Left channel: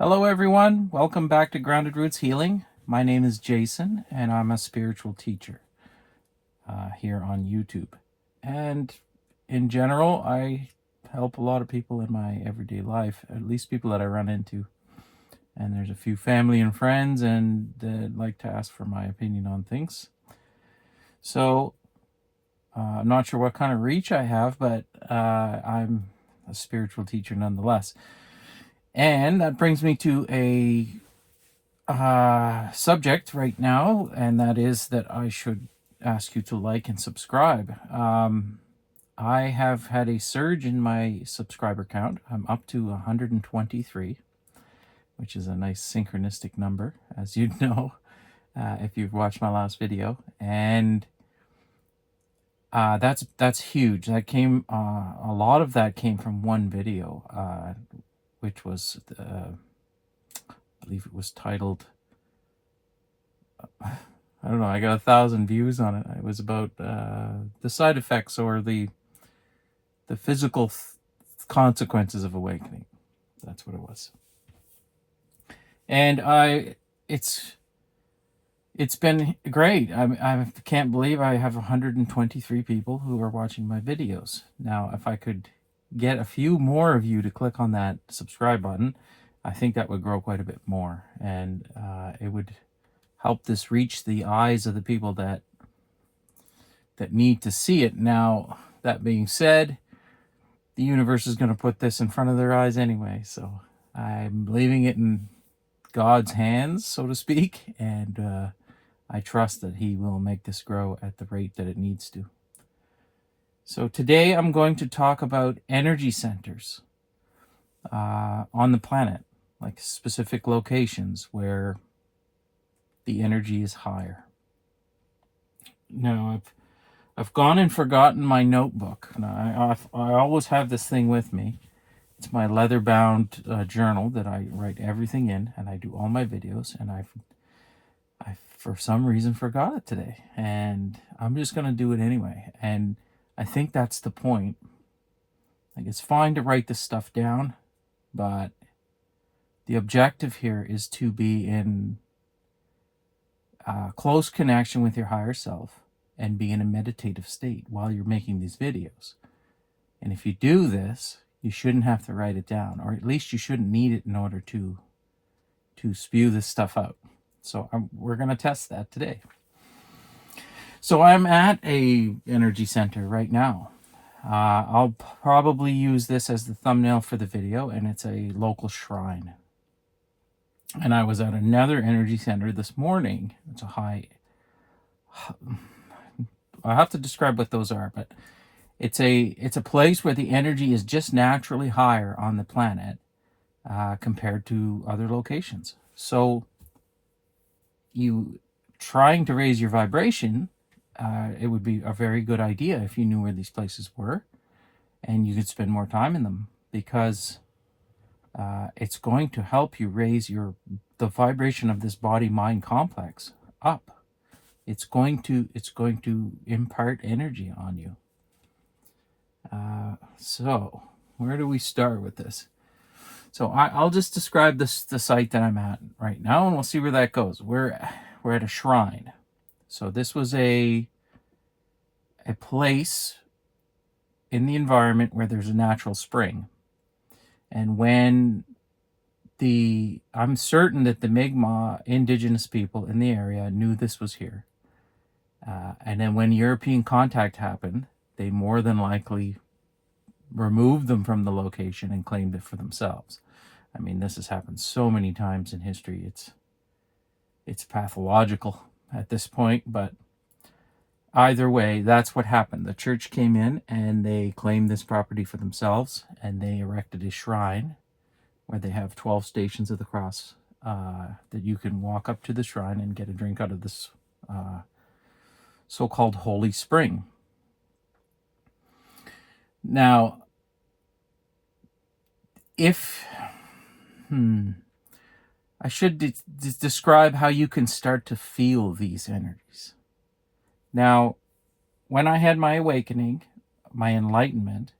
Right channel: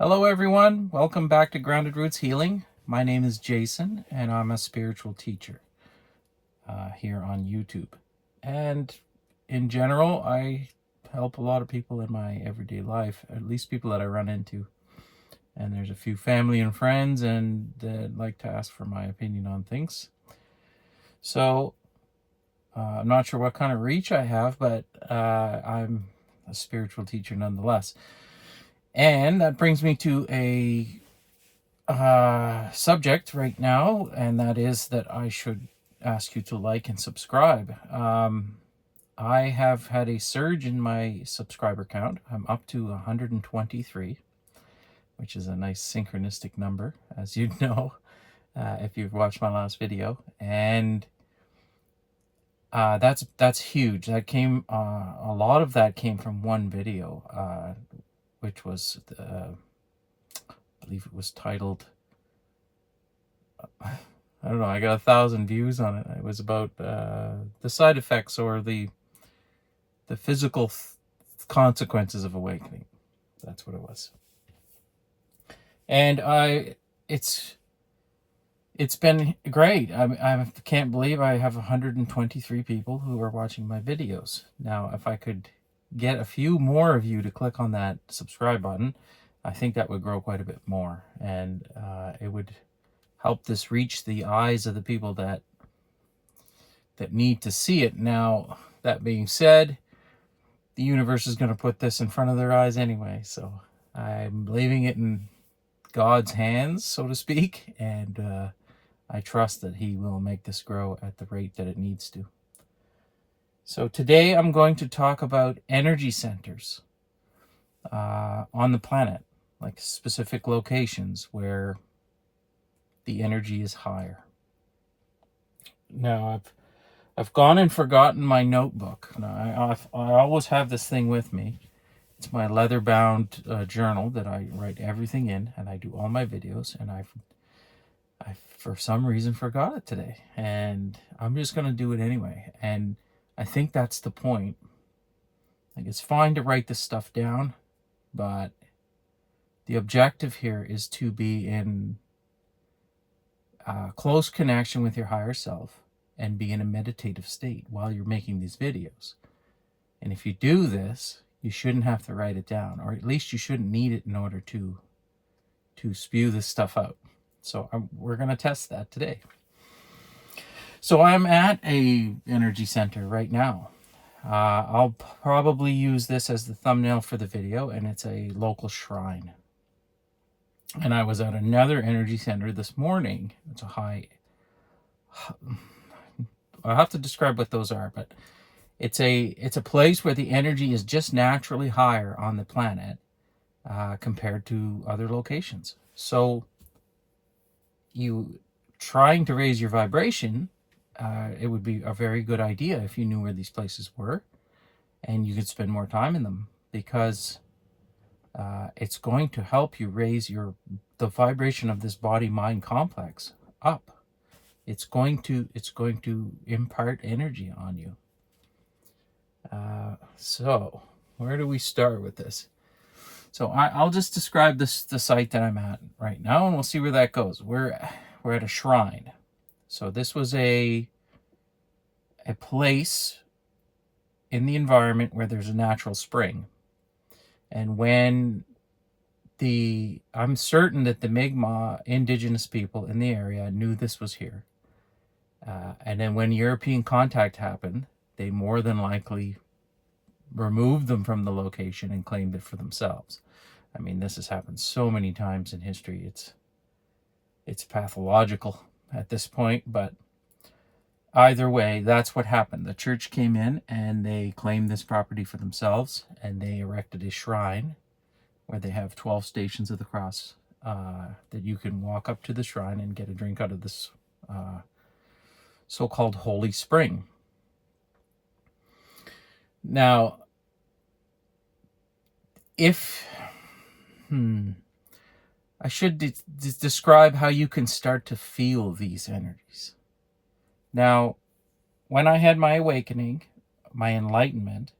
Hello everyone, welcome back to Grounded Roots Healing. My name is Jason and I'm a spiritual teacher here on YouTube. And in general, I help a lot of people in my everyday life, at least people that I run into. And there's a few family and friends and that like to ask for my opinion on things. So I'm not sure what kind of reach I have, but I'm a spiritual teacher nonetheless. And that brings me to a subject right now, and that is that I should ask you to like and subscribe. I have had a surge in my subscriber count. I'm up to 123, which is a nice synchronistic number, as you'd know if you've watched my last video. And that's huge. That came a lot of that came from one video, which was I believe it was titled, I don't know, I got 1,000 views on it. It was about the side effects or the physical consequences of awakening. That's what it was. And it's been great. I can't believe I have 123 people who are watching my videos. Now, if I could get a few more of you to click on that subscribe button, I think that would grow quite a bit more, and it would help this reach the eyes of the people that need to see it. Now, that being said, the universe is going to put this in front of their eyes anyway, so I'm leaving it in God's hands, so to speak, and I trust that he will make this grow at the rate that it needs to. So today I'm going to talk about energy centers on the planet, like specific locations where the energy is higher. Now, I've gone and forgotten my notebook. Now, I always have this thing with me. It's my leather-bound journal that I write everything in, and I do all my videos, and I for some reason forgot it today, and I'm just going to do it anyway. And I think that's the point. Like, it's fine to write this stuff down, but the objective here is to be in close connection with your higher self and be in a meditative state while you're making these videos. And if you do this, you shouldn't have to write it down, or at least you shouldn't need it in order to spew this stuff out. So we're going to test that today. So I'm at a energy center right now. I'll probably use this as the thumbnail for the video, and it's a local shrine. And I was at another energy center this morning. It's a high... I'll have to describe what those are, but it's a place where the energy is just naturally higher on the planet compared to other locations. So you trying to raise your vibration, it would be a very good idea if you knew where these places were and you could spend more time in them, because it's going to help you raise the vibration of this body-mind complex up. It's going to impart energy on you. So where do we start with this? So I'll just describe the site that I'm at right now, and we'll see where that goes. We're at a shrine. So this was a place in the environment where there's a natural spring. And when I'm certain that the Mi'kmaq indigenous people in the area knew this was here. And then when European contact happened, they more than likely removed them from the location and claimed it for themselves. I mean, this has happened so many times in history. It's pathological at this point, but either way, that's what happened. The church came in and they claimed this property for themselves, and they erected a shrine where they have 12 stations of the cross that you can walk up to the shrine and get a drink out of this so-called holy spring. Now, I should describe how you can start to feel these energies. Now, when I had my awakening, my enlightenment,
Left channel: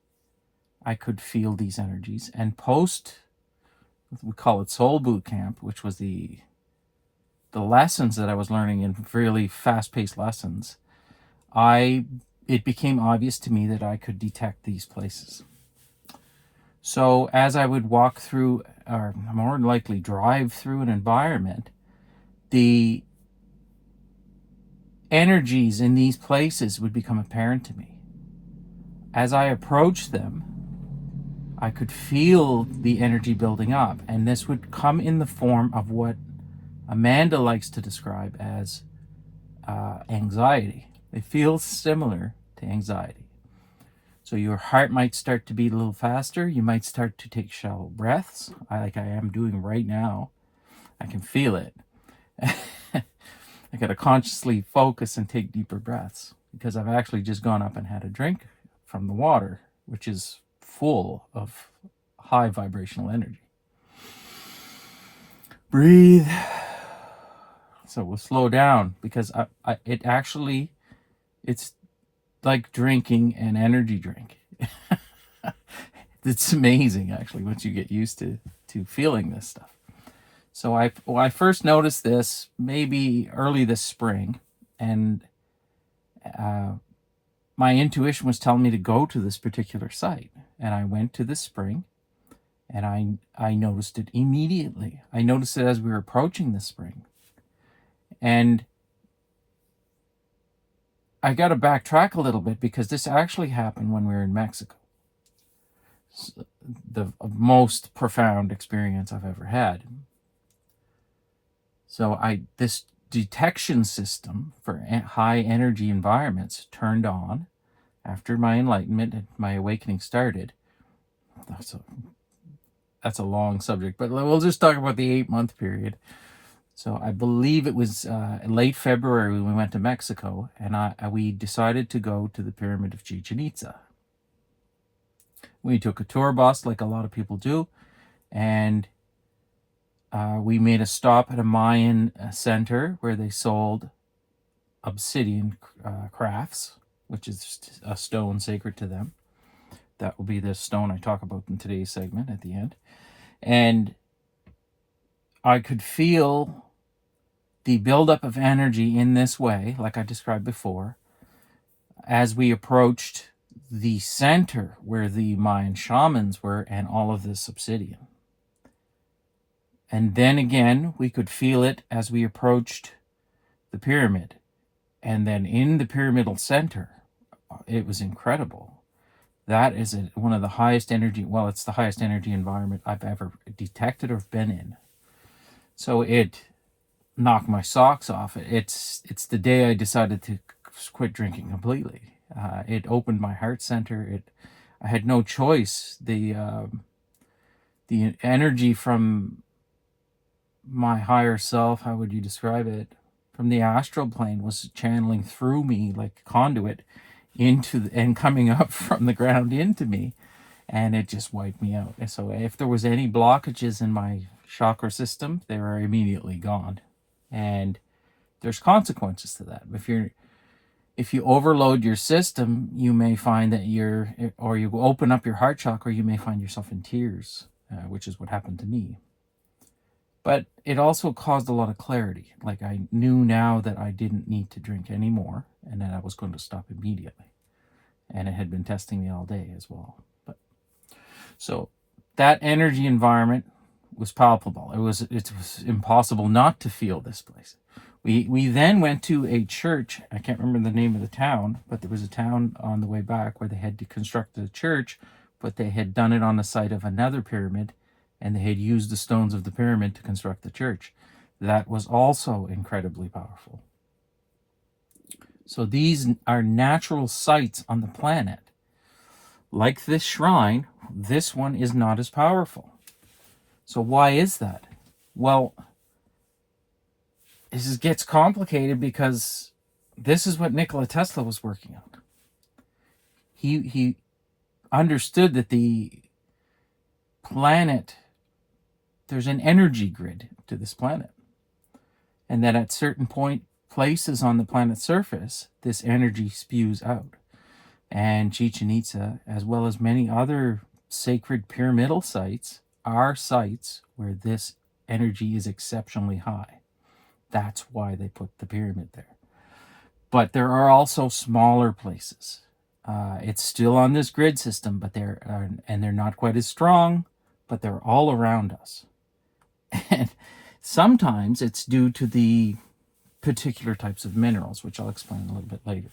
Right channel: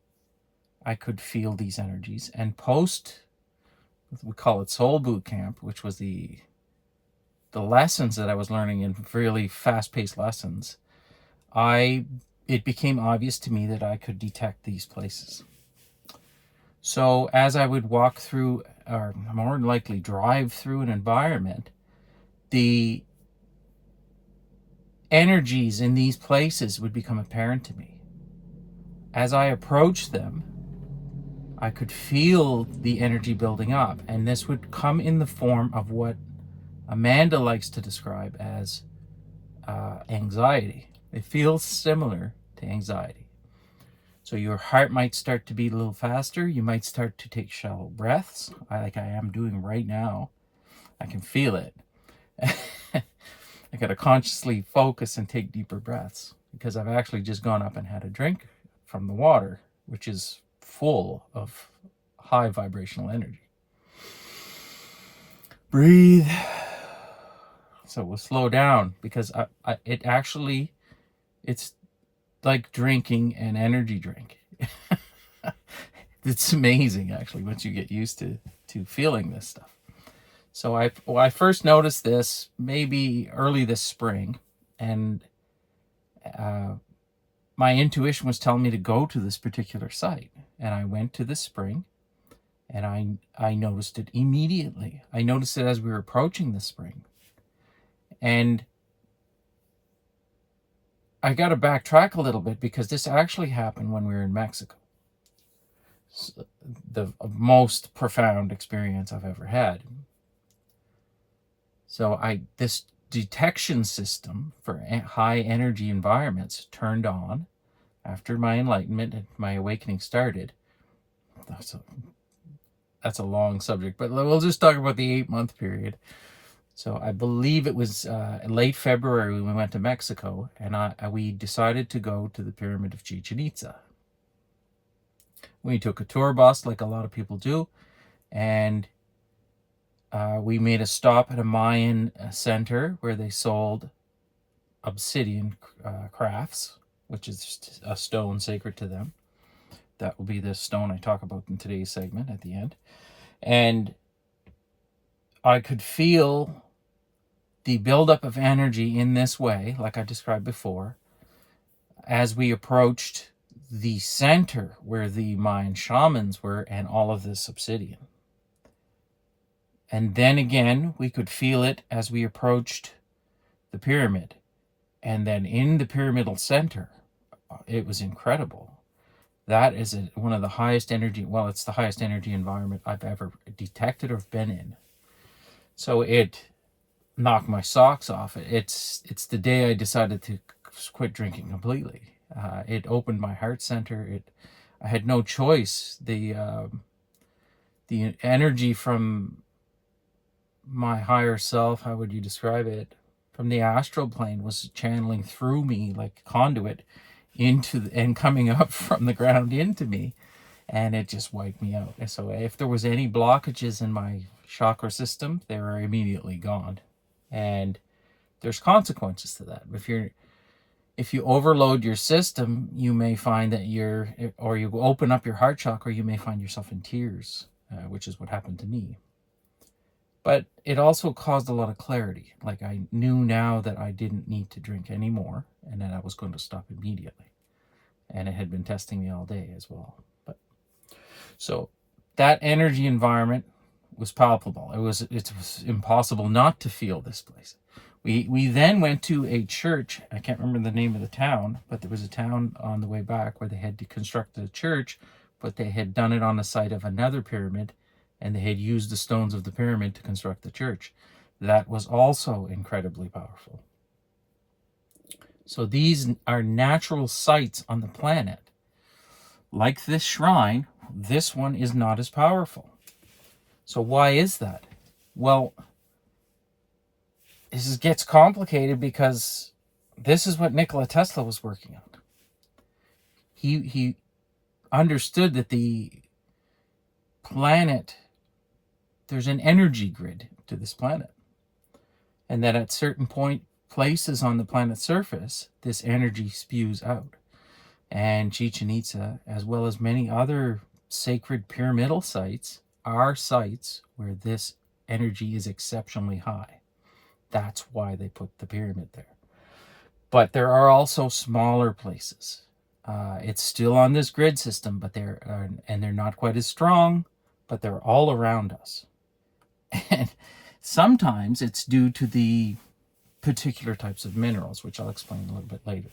I could feel these energies. And post we call it Soul Boot Camp, which was the lessons that I was learning in really fast-paced lessons, it became obvious to me that I could detect these places. So as I would walk through, or more than likely drive through an environment, the energies in these places would become apparent to me. As I approached them, I could feel the energy building up, and this would come in the form of what Amanda likes to describe as anxiety. It feels similar to anxiety. So your heart might start to beat a little faster. You might start to take shallow breaths, like I am doing right now. I can feel it. I got to consciously focus and take deeper breaths because I've actually just gone up and had a drink from the water, which is full of high vibrational energy. Breathe. So we'll slow down because it's like drinking an energy drink. It's amazing, actually, once you get used to feeling this stuff. So I first noticed this maybe early this spring, and my intuition was telling me to go to this particular site. And I went to this spring, and I noticed it immediately. I noticed it as we were approaching the spring. And I got to backtrack a little bit because this actually happened when we were in Mexico. The most profound experience I've ever had. So this detection system for high energy environments turned on after my enlightenment and my awakening started. That's a long subject, but we'll just talk about the 8-month period. So I believe it was late February when we went to Mexico, and we decided to go to the Pyramid of Chichen Itza. We took a tour bus like a lot of people do, and we made a stop at a Mayan center where they sold obsidian crafts, which is a stone sacred to them. That will be the stone I talk about in today's segment at the end. And I could feel the buildup of energy in this way, like I described before, as we approached the center where the Mayan shamans were and all of this obsidian. And then again, we could feel it as we approached the pyramid. And then in the pyramidal center, it was incredible. That is one of the highest energy, well, it's the highest energy environment I've ever detected or been in. So it knocked my socks off. It's the day I decided to quit drinking completely. It opened my heart center. I had no choice. The energy from my higher self, how would you describe it, from the astral plane was channeling through me like a conduit and coming up from the ground into me, and it just wiped me out. And so if there was any blockages in my chakra system, they were immediately gone. And there's consequences to that. If you overload your system, you may find that you open up your heart chakra, you may find yourself in tears, which is what happened to me. But it also caused a lot of clarity. Like I knew now that I didn't need to drink anymore, and that I was going to stop immediately. And it had been testing me all day as well. So that energy environment was palpable. It was impossible not to feel this place. We then went to a church. I can't remember the name of the town, but there was a town on the way back where they had to construct a church, but they had done it on the site of another pyramid, and they had used the stones of the pyramid to construct the church. That was also incredibly powerful. So these are natural sites on the planet. Like this shrine, this one is not as powerful. So why is that? Well, this gets complicated because this is what Nikola Tesla was working on. He understood that the planet, there's an energy grid to this planet, and that at certain places on the planet's surface, this energy spews out. And Chichen Itza, as well as many other sacred pyramidal sites, are sites where this energy is exceptionally high. That's why they put the pyramid there. But there are also smaller places. It's still on this grid system, but they're not quite as strong, but they're all around us. And sometimes it's due to the particular types of minerals, which I'll explain a little bit later.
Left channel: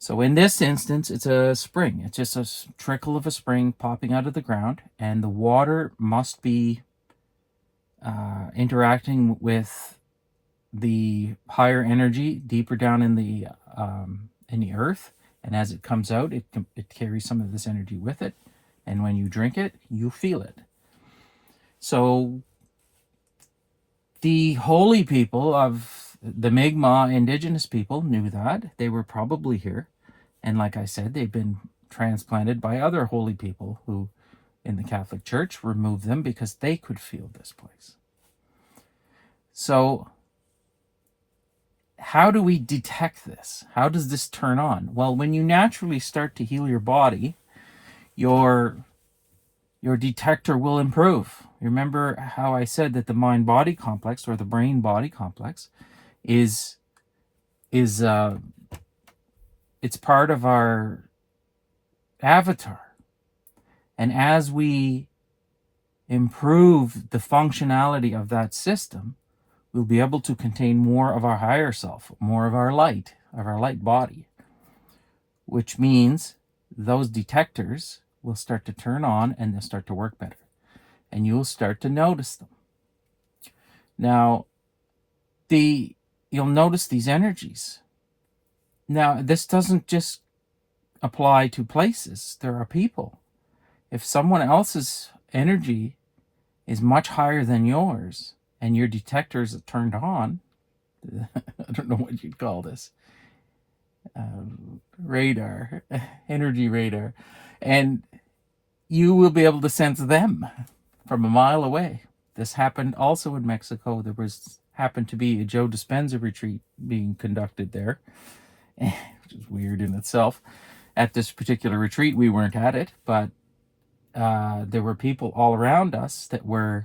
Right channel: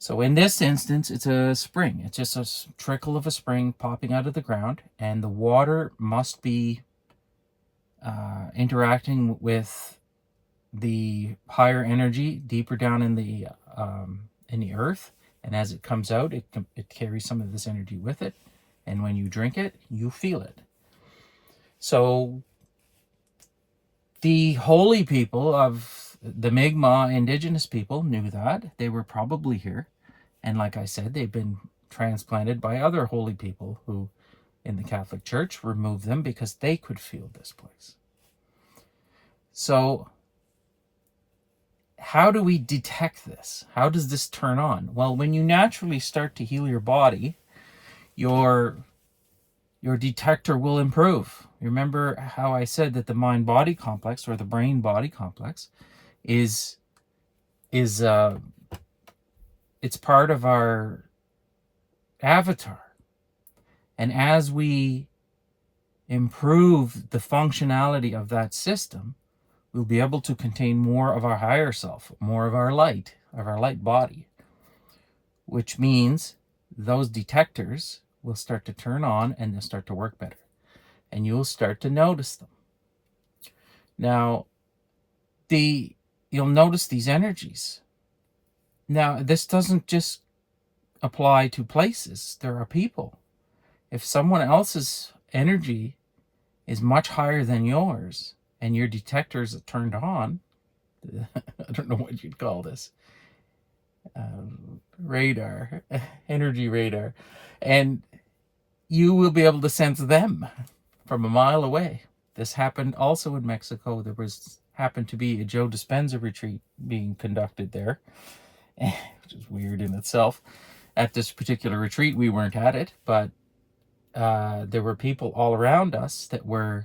So in this instance, it's a spring. It's just a trickle of a spring popping out of the ground, and the water must be interacting with the higher energy deeper down in the earth, and as it comes out, it carries some of this energy with it, and when you drink it, you feel it. So the holy people of the Mi'kmaq indigenous people knew that. They were probably here, and like I said, they've been transplanted by other holy people who in the Catholic Church removed them because they could feel this place. So how do we detect this? How does this turn on? Well, when you naturally start to heal your body, your detector will improve. You remember how I said that the mind-body complex, or the brain-body complex, is it's part of our avatar. And as we improve the functionality of that system, we'll be able to contain more of our higher self, more of our light body, which means those detectors will start to turn on and they'll start to work better. And you'll start to notice them. Now, you'll notice these energies. Now, this doesn't just apply to places. There are people. If someone else's energy is much higher than yours, and your detectors are turned on, I don't know what you'd call this, radar, energy radar, and you will be able to sense them from a mile away. This happened also in Mexico. There happened to be a Joe Dispenza retreat being conducted there, which is weird in itself. At this particular retreat, we weren't at it, but there were people all around us that were,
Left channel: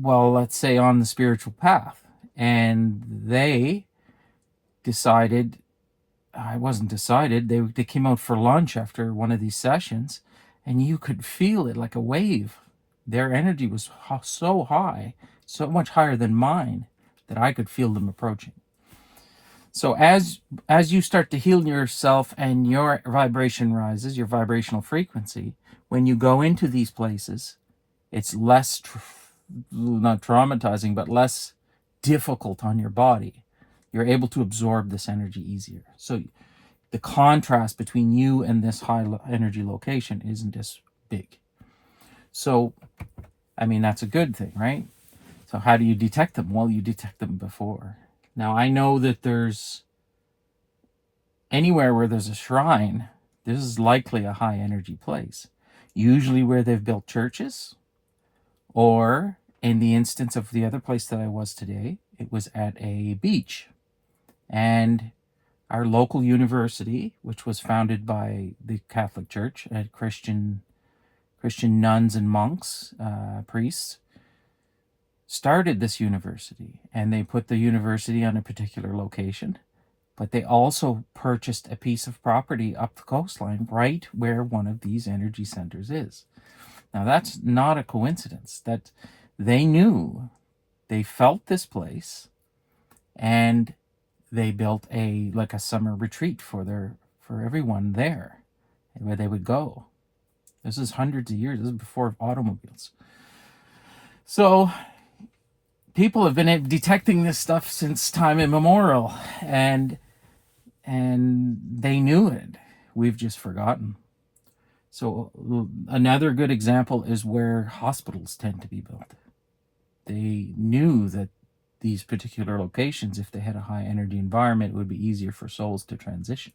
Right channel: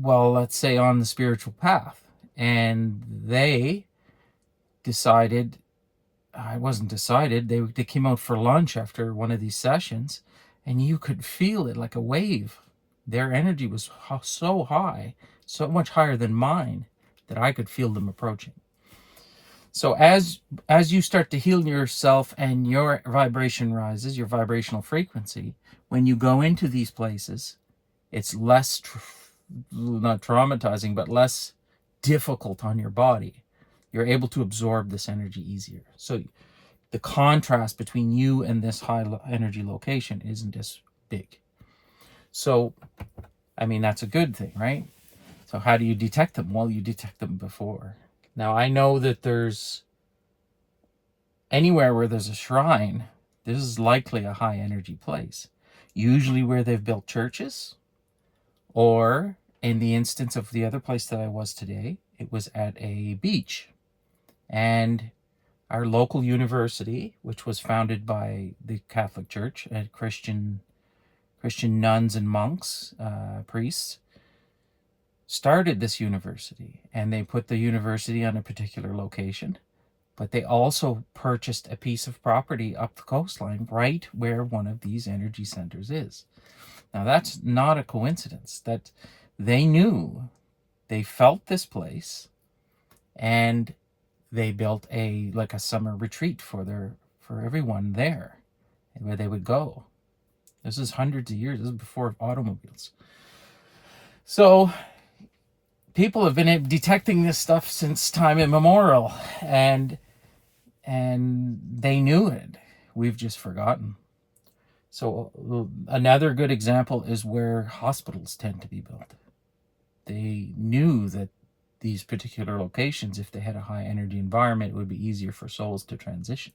well, let's say on the spiritual path. And they decided, it wasn't decided, they came out for lunch after one of these sessions, and you could feel it like a wave. Their energy was so high, so much higher than mine, that I could feel them approaching. So as you start to heal yourself and your vibration rises, your vibrational frequency, when you go into these places, it's less, not traumatizing, but less difficult on your body. You're able to absorb this energy easier. So the contrast between you and this high energy location isn't as big. So, I mean, that's a good thing, right? So how do you detect them? Well, you detect them before. Now, I know that there's anywhere where there's a shrine, this is likely a high energy place. Usually where they've built churches, or in the instance of the other place that I was today, it was at a beach. And our local university, which was founded by the Catholic Church, Christian nuns and monks, priests, started this university, and they put the university on a particular location, but they also purchased a piece of property up the coastline right where one of these energy centers is. Now, that's not a coincidence. That they knew, they felt this place, and they built a summer retreat for everyone there, where they would go. This is hundreds of years. This is before automobiles. So people have been detecting this stuff since time immemorial, and they knew it. We've just forgotten. So another good example is where hospitals tend to be built. They knew that these particular locations, if they had a high energy environment, it would be easier for souls to transition.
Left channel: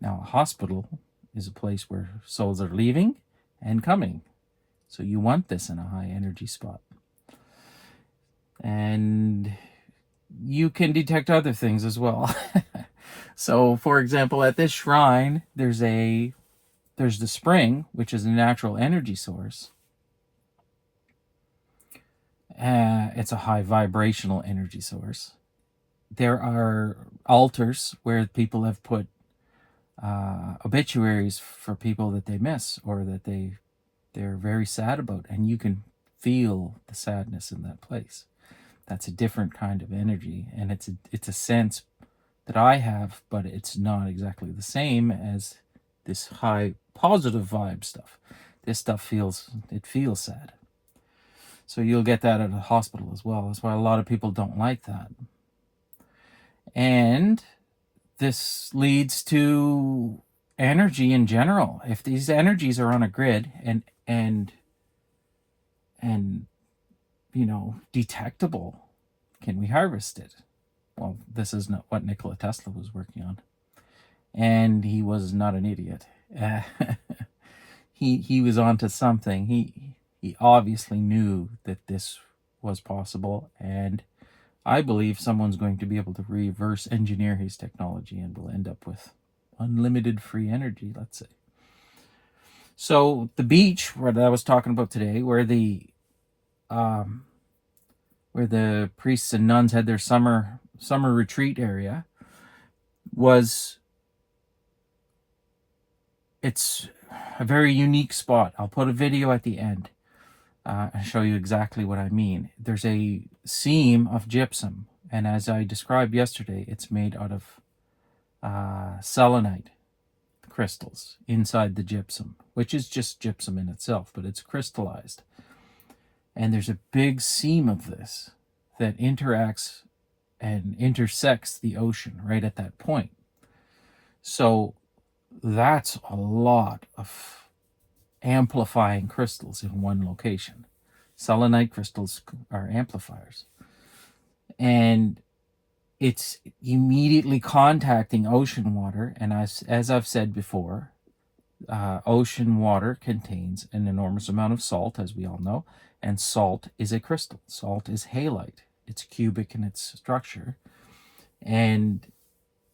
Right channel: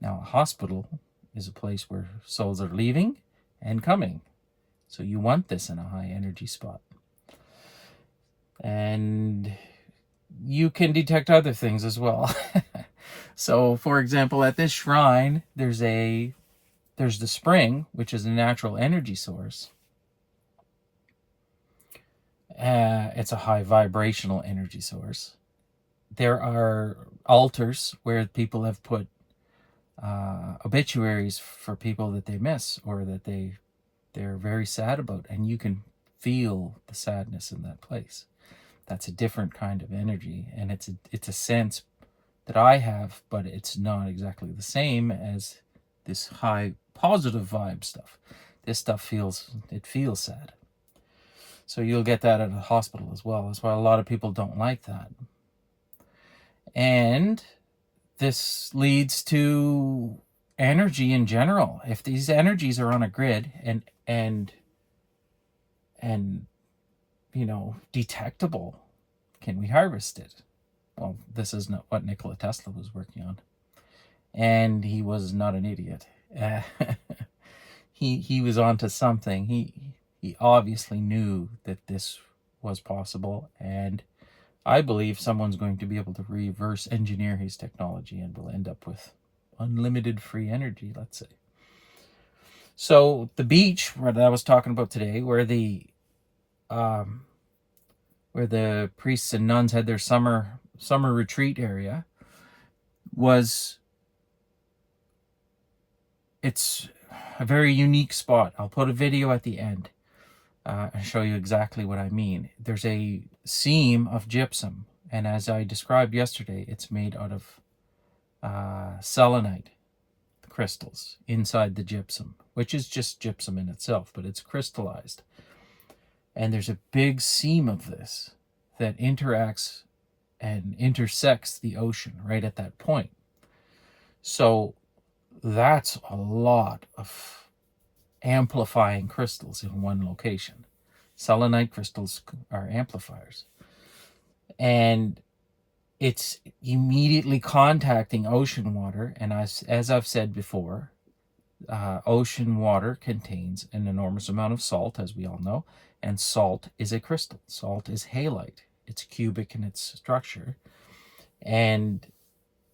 Now, a hospital is a place where souls are leaving and coming. So you want this in a high energy spot. And you can detect other things as well. So, for example, at this shrine, there's a there's the spring, which is a natural energy source. It's a high vibrational energy source. There are altars where people have put obituaries for people that they miss or that they're very sad about, and you can feel the sadness in that place. That's a different kind of energy, and it's a sense that I have, but it's not exactly the same as this high positive vibe stuff. This stuff feels sad. So you'll get that at a hospital as well. That's why a lot of people don't like that. And this leads to energy in general. If these energies are on a grid and detectable, can we harvest it? Well, this is not what Nikola Tesla was working on, and he was not an idiot. He was onto something. He obviously knew that this was possible, and I believe someone's going to be able to reverse engineer his technology, and we'll end up with unlimited free energy, let's say. So the beach that I was talking about today, where the priests and nuns had their summer retreat area, it's a very unique spot. I'll put a video at the end and show you exactly what I mean. There's a seam of gypsum, and as I described yesterday, it's made out of selenite crystals inside the gypsum, which is just gypsum in itself, but it's crystallized. And there's a big seam of this that interacts and intersects the ocean right at that point. So that's a lot of amplifying crystals in one location. Selenite crystals are amplifiers. And it's immediately contacting ocean water. And as I've said before, ocean water contains an enormous amount of salt, as we all know. And salt is a crystal. Salt is halite. It's cubic in its structure. And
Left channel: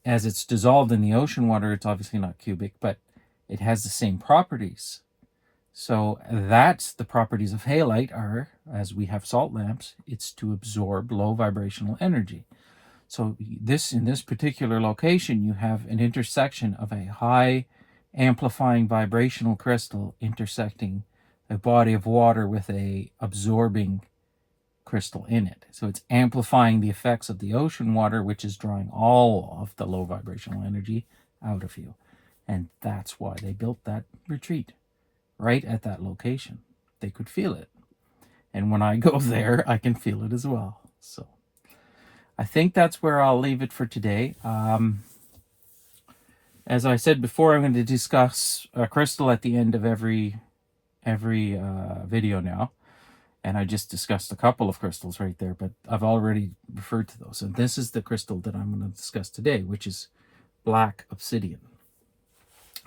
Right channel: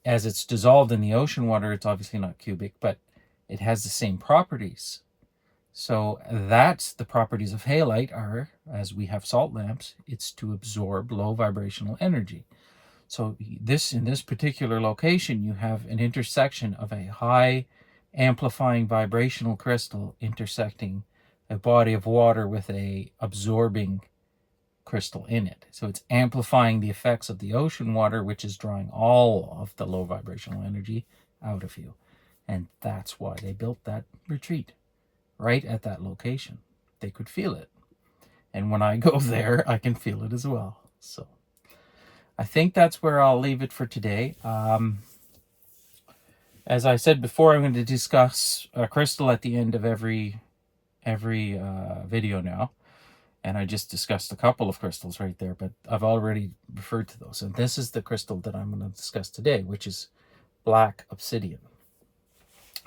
as it's dissolved in the ocean water, it's obviously not cubic, but it has the same properties. So that's the properties of halite are, as we have salt lamps, it's to absorb low vibrational energy. So in this particular location, you have an intersection of a high amplifying vibrational crystal intersecting a body of water with a absorbing crystal in it. So it's amplifying the effects of the ocean water, which is drawing all of the low vibrational energy out of you. And that's why they built that retreat right at that location. They could feel it. And when I go there, I can feel it as well. So I think that's where I'll leave it for today. As I said before, I'm going to discuss a crystal at the end of every video now. And I just discussed a couple of crystals right there, but I've already referred to those. And this is the crystal that I'm going to discuss today, which is black obsidian.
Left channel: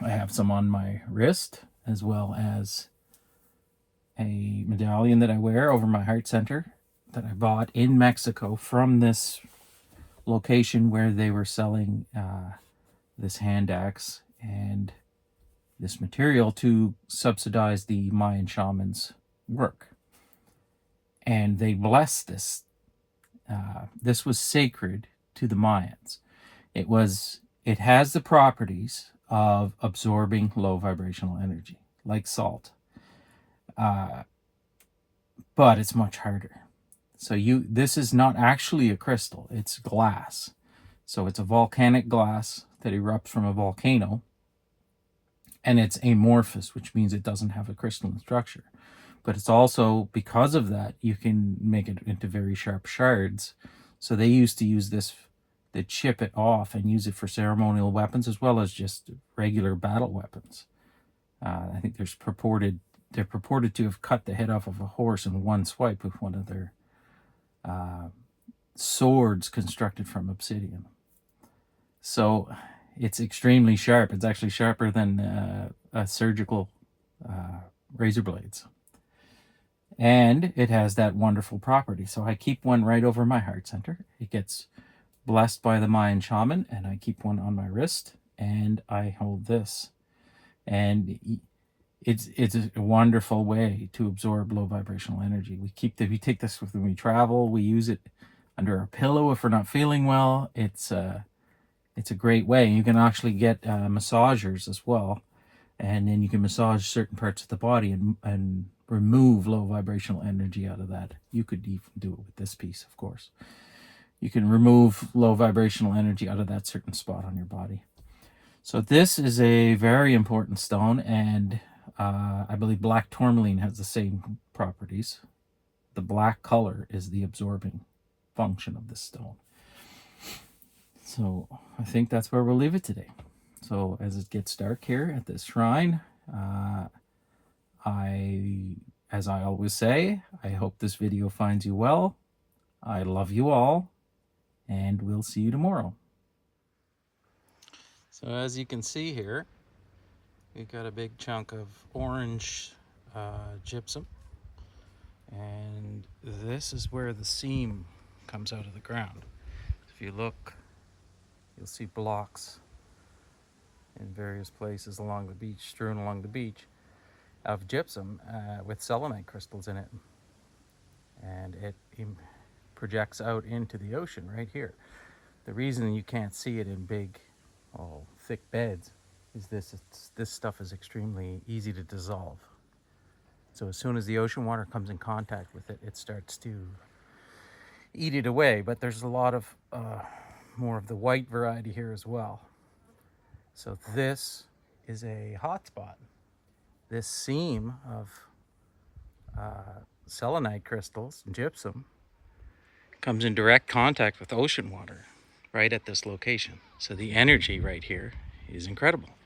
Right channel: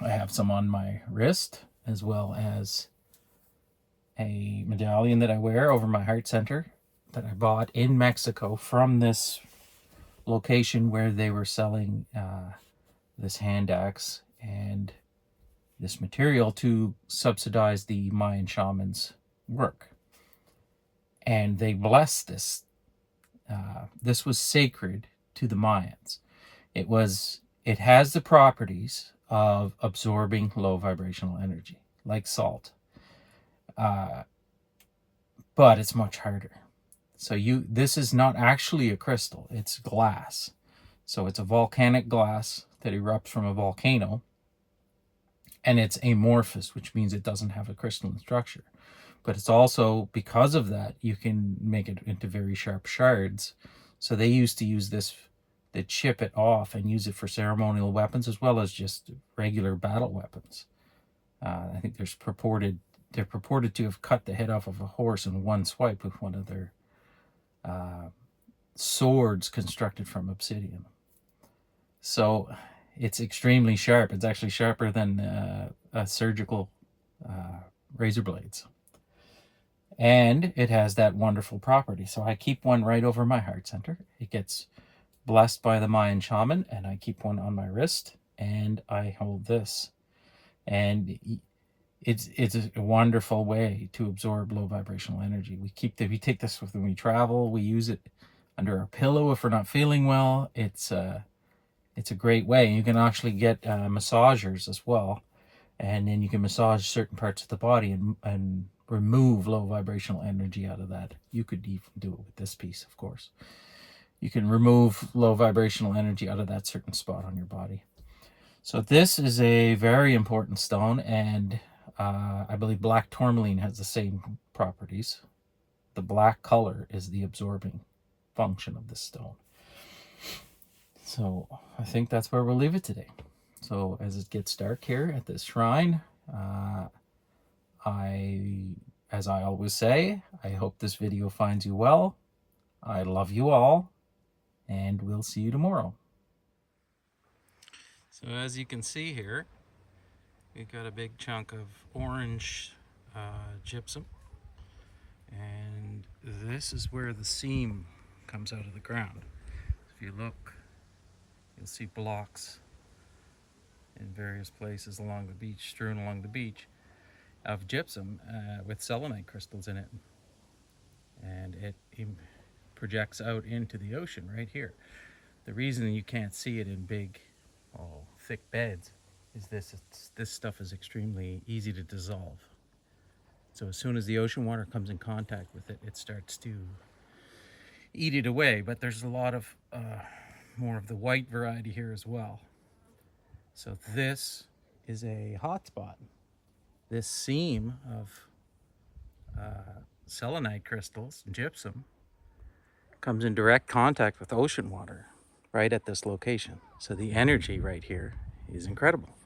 I have some on my wrist, as well as a medallion that I wear over my heart center that I bought in Mexico from this location where they were selling this hand axe and this material to subsidize the Mayan shamans' work. And they blessed this. This was sacred to the Mayans. It has the properties of absorbing low vibrational energy, like salt. But it's much harder. So this is not actually a crystal, it's glass. So it's a volcanic glass that erupts from a volcano, and it's amorphous, which means it doesn't have a crystalline structure. But it's also, because of that, you can make it into very sharp shards. So they used to use this, they chip it off and use it for ceremonial weapons as well as just regular battle weapons. I think they're purported to have cut the head off of a horse in one swipe with one of their swords constructed from obsidian. So it's extremely sharp. It's actually sharper than surgical razor blades. And it has that wonderful property. So I keep one right over my heart center. It gets blessed by the Mayan shaman, and I keep one on my wrist, and I hold this. and it's a wonderful way to absorb low vibrational energy. We take this when we travel. We use it under our pillow if we're not feeling well. It's a great way. You can actually get massagers as well, and then you can massage certain parts of the body and remove low vibrational energy out of that. You could even do it with this piece, of course. You can remove low vibrational energy out of that certain spot on your body. So this is a very important stone, and I believe black tourmaline has the same properties. The black color is the absorbing function of this stone. So I think that's where we'll leave it today. So as it gets dark here at this shrine, as I always say, I hope this video finds you well. I love you all, and we'll see you tomorrow. So as you can see here, we've got a big chunk of orange gypsum, and this is where the seam comes out of the ground. If you look, you'll see blocks in various places along the beach, strewn along the beach, of gypsum with selenite crystals in it, and it projects out into the ocean right here. The reason you can't see it in big, thick beds is this stuff is extremely easy to dissolve. So as soon as the ocean water comes in contact with it, it starts to eat it away. But there's a lot of more of the white variety here as well. So this is a hot spot. This seam of selenite crystals and gypsum comes in direct contact with ocean water right at this location. So the energy right here is incredible.